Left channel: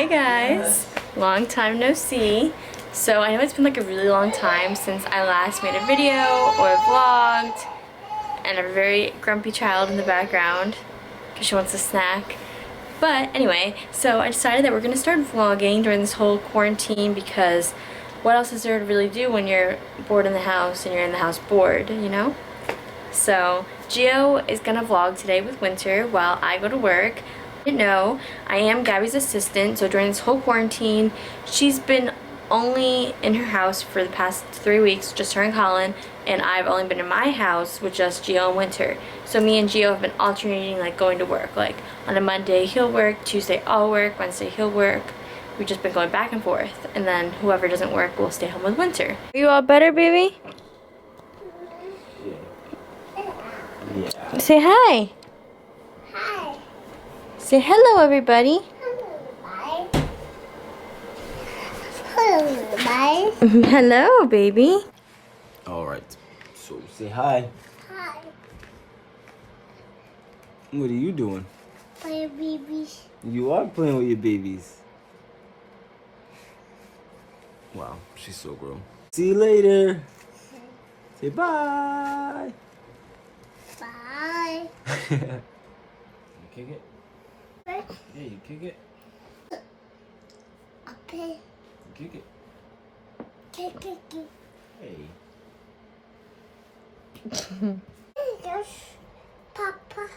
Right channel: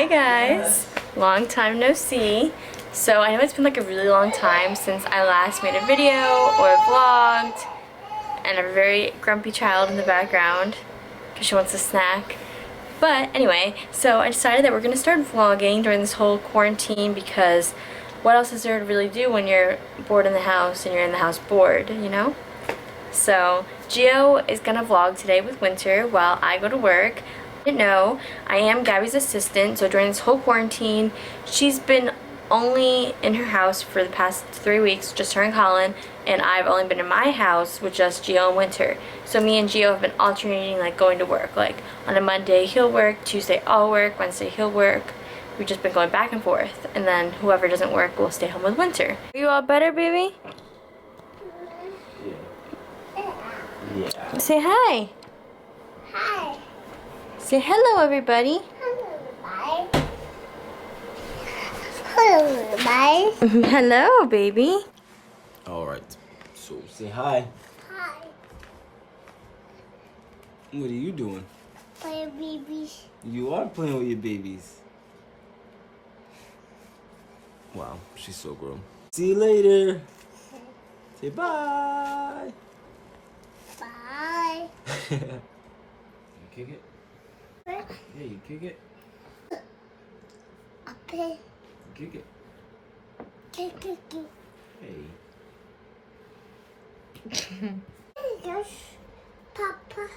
Hi guys, long time no see. So I know it's been like a really long time since I last made a video or vlogged, and a very grumpy child in the background because she wants a snack. But anyway, so I decided that we're gonna start vlogging during this whole quarantine because what else is there to really do when you're bored in the house and you're in the house bored, you know? So Gio is gonna vlog today with Winter while I go to work. No, I am Gabby's assistant, so during this whole quarantine, she's been only in her house for the past 3 weeks, just her and Colin, and I've only been in my house with just Gio and Winter. So me and Gio have been alternating, like, going to work. Like, on a Monday he'll work, Tuesday I'll work, Wednesday he'll work. We've just been going back and forth, and then whoever doesn't work will stay home with Winter. Are you all better, baby? Yeah. Say hi. Hi. Say hello, everybody. Hello, everybody. Hello, baby. All right. So say hi. Hi. What are you doing? Play babies. You are playing with your babies. Wow, she's so grown. See you later. Say bye. Bye. You kick it? Where? Yeah, you kick it. Okay. Kick it. Kick. Hey. Yes, Papa.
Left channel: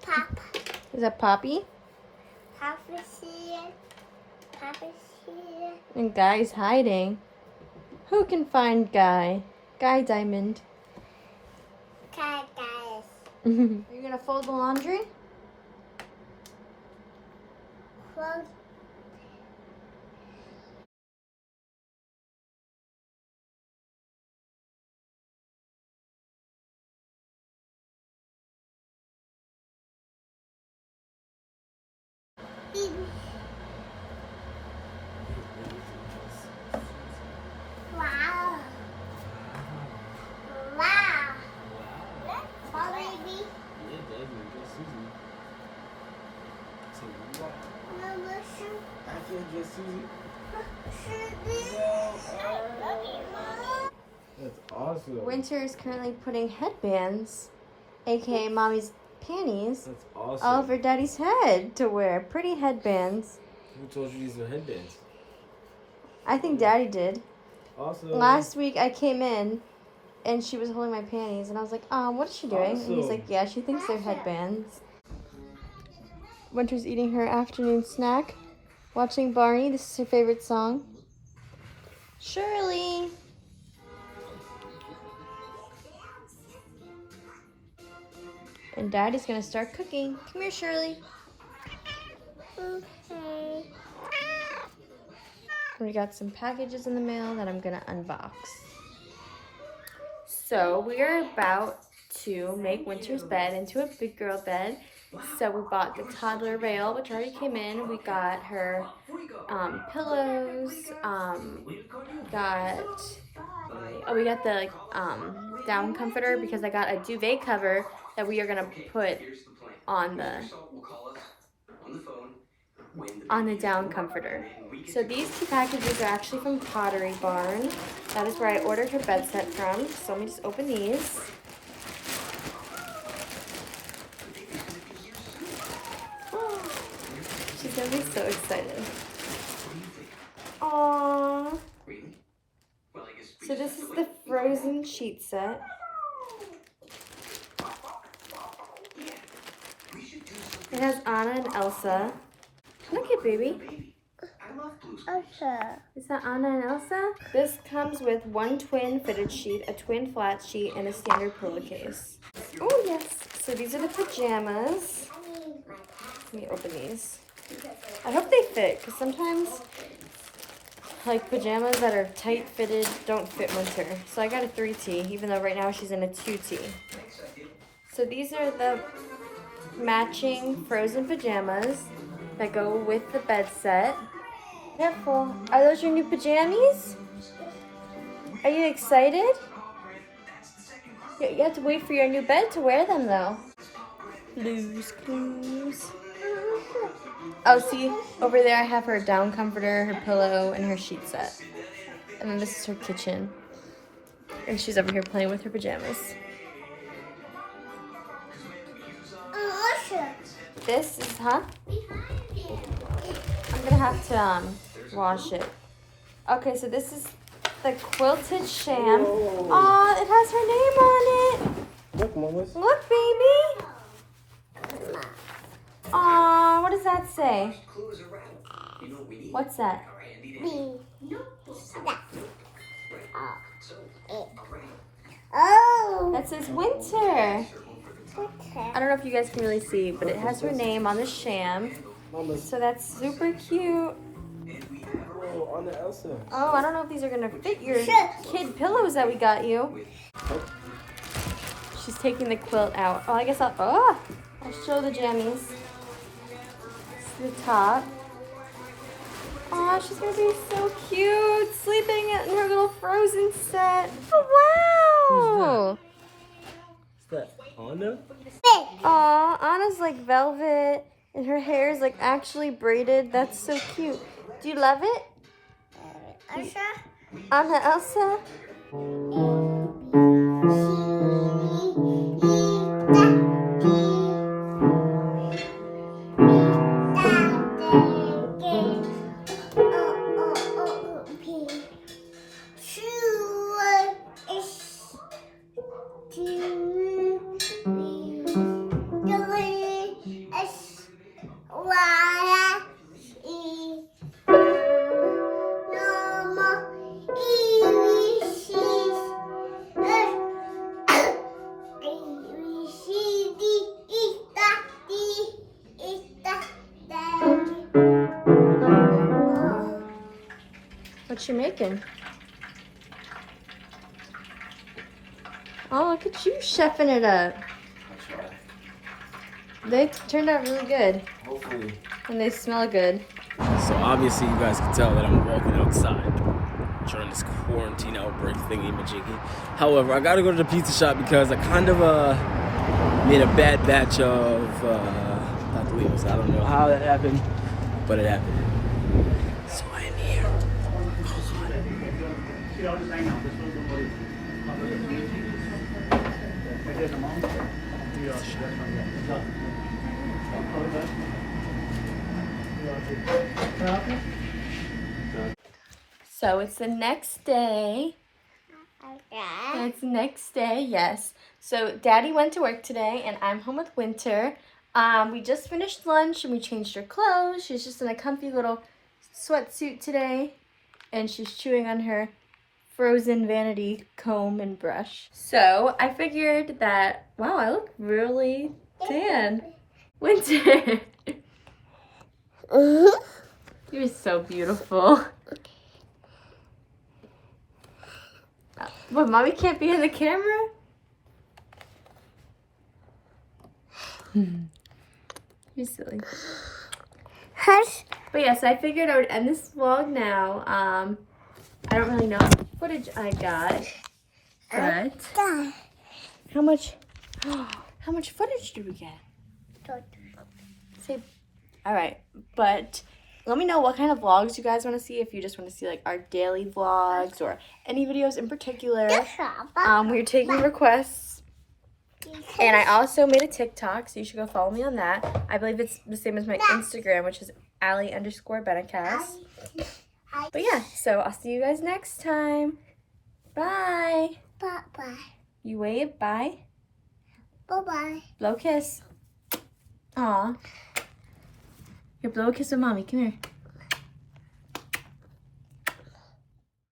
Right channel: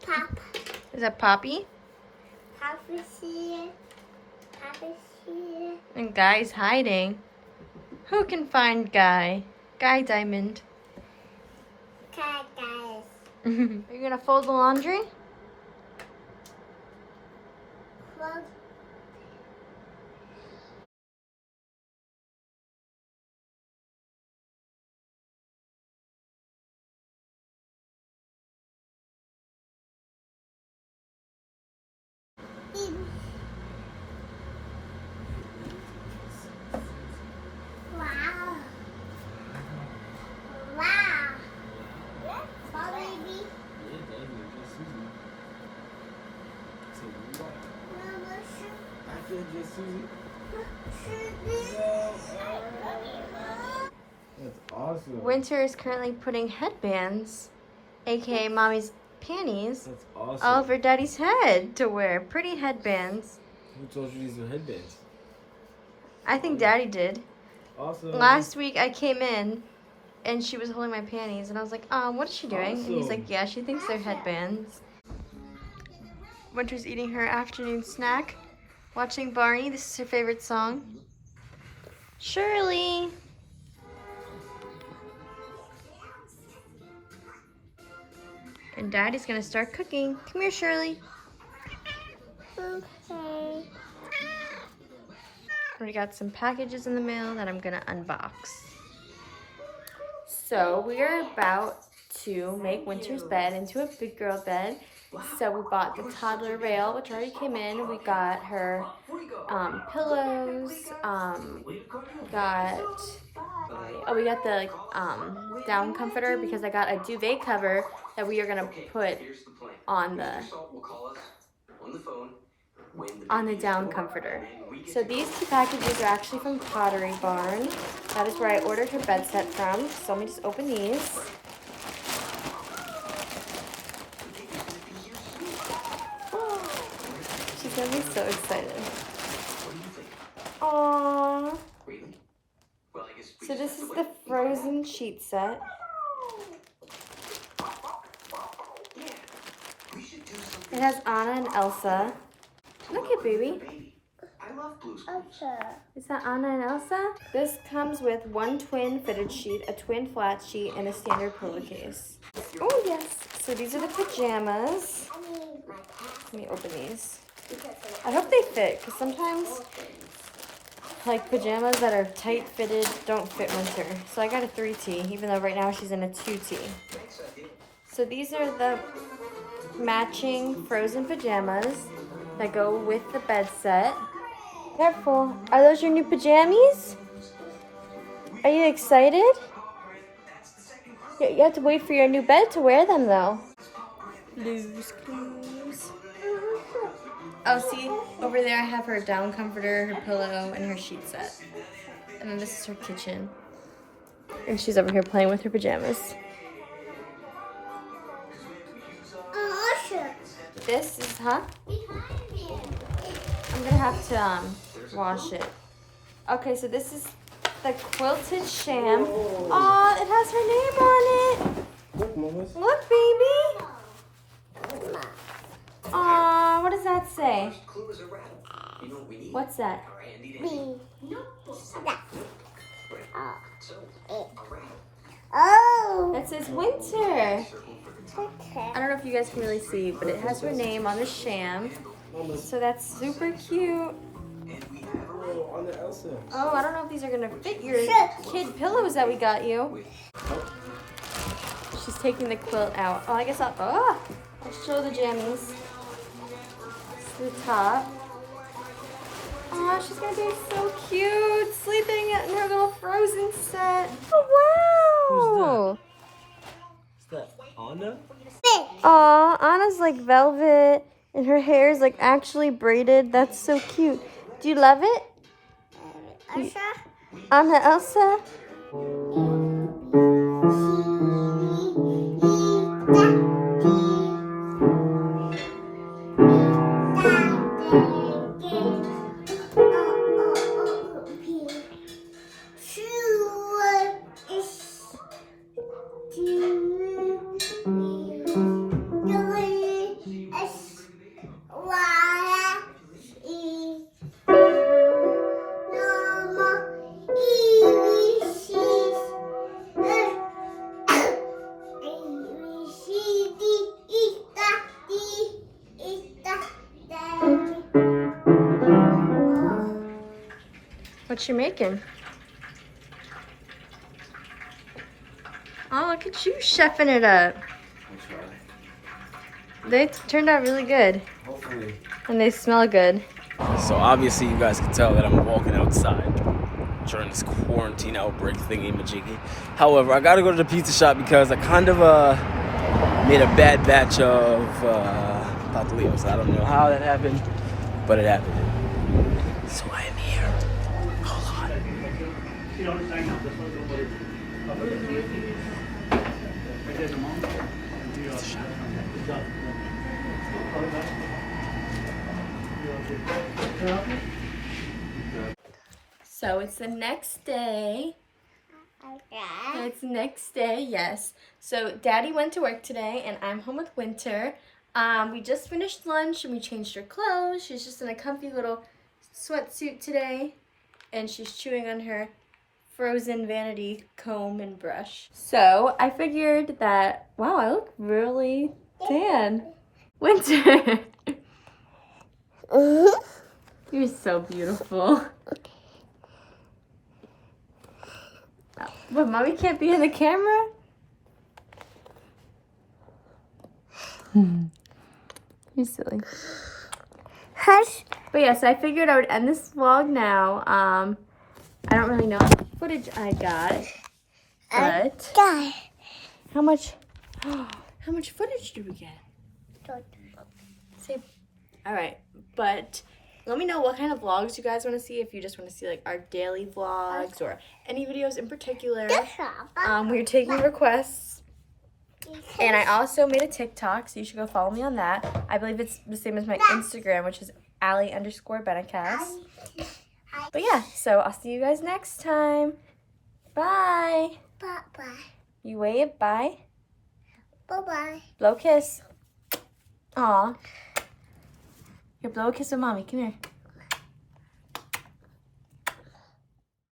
Papa. Is that Poppy? Papa's here. Papa's here. And Guy's hiding. Who can find Guy? Guy Diamond. Okay, guys. Are you gonna fold the laundry? Well, wow. Wow. Oh, baby. Yeah, Daddy, just Susie. So what? Mama, I can't just Susie. That's awesome. Winter is currently putting headbands, aka Mommy's panties, That's awesome. all over Daddy's head to wear. Pretty headbands. Who told you these were headbands? I think Daddy did. Awesome. Last week I came in and she was holding my panties and I was like, what is she doing? And he's like, yeah, she thinks they're headbands. Winter's eating her afternoon snack, watching Barney. This is her favorite song. Shirley. And Daddy's gonna start cooking. Come here, Shirley. Okay. We got some packages in the mail that I'm gonna unbox. So we are about to make Winter's bed into a big girl bed. So we bought the toddler rail, which already came in. We got her pillows. We got the down comforter because I got a duvet cover that we are gonna put on the down comforter. So these two packages are actually from Pottery Barn. That is where I ordered her bed set from. So let me just open these. She's gonna be so excited. Aww. So this is the Frozen sheet set. It has Anna and Elsa. Look at baby. Okay. Is that Anna and Elsa? This comes with one twin fitted sheet, a twin flat sheet, and a standard pillowcase. Oh yes. So these are the pajamas. Let me open these. I hope they fit, because sometimes like pajamas that are tight fitted don't fit Winter. So I got a 3T, even though right now she's in a 2T. So these are the matching Frozen pajamas that go with the bed set. Careful. Are those your new pajamas? Are you excited? You have to wait for your new bed to wear them though. Blues Clues. Oh, see, over there I have her down comforter, her pillow, and her sheet set. And then this is her kitchen. And she's over here playing with her pajamas. This is, I'm gonna have to wash it. Okay, so this is the quilted sham. Aw, it has her name on it. Look, Mamas. Look, baby. Aw, what does that say? What's that? Oh. That says winter. I don't know if you guys can really see, but it has her name on the sham. Mamas. So that's super cute. Oh, Anna Elsa. Oh, I don't know if these are gonna fit your kid pillows that we got you. She's taking the quilt out. Oh, I guess I'll show the jammies. It's the top. Oh, she's gonna be so cute, sleeping in her little Frozen set. Oh, wow. Who's that? Is that Anna? Aw, Anna's like velvet, and her hair is like actually braided. That's so cute. Do you love it? Anna Elsa? What you making? Oh, look at you chefing it up. They turned out really good. Hopefully. And they smell good. So obviously you guys can tell that I'm walking outside during this quarantine outbreak thingy majiggy. However, I gotta go to the pizza shop because I kind of made a bad batch of Pataglios. I don't know how that happened, but it happened. So I am here. Hold So it's the next day. It's the next day, yes. So Daddy went to work today and I'm home with Winter. We just finished lunch and we changed her clothes. She's just in a comfy little sweatsuit today. And she's chewing on her Frozen vanity comb and brush. So I figured that, wow, I look really tan. Winter. You're so beautiful. What, Mommy can't be in the camera? You're silly. Hush. But yeah, so I figured I would end this vlog now. I don't really know how much footage I got, but how much footage did we get? All right, but let me know what kind of vlogs you guys want to see. If you just want to see like our daily vlogs or any videos in particular. We're taking requests. And I also made a TikTok, so you should go follow me on that. I believe it's the same as my Instagram, which is Ali_Benacast. But yeah, so I'll see you guys next time. Bye. Bye-bye. You wave, bye. Bye-bye. Blow a kiss. Aw. Here, blow a kiss with Mommy. Come here.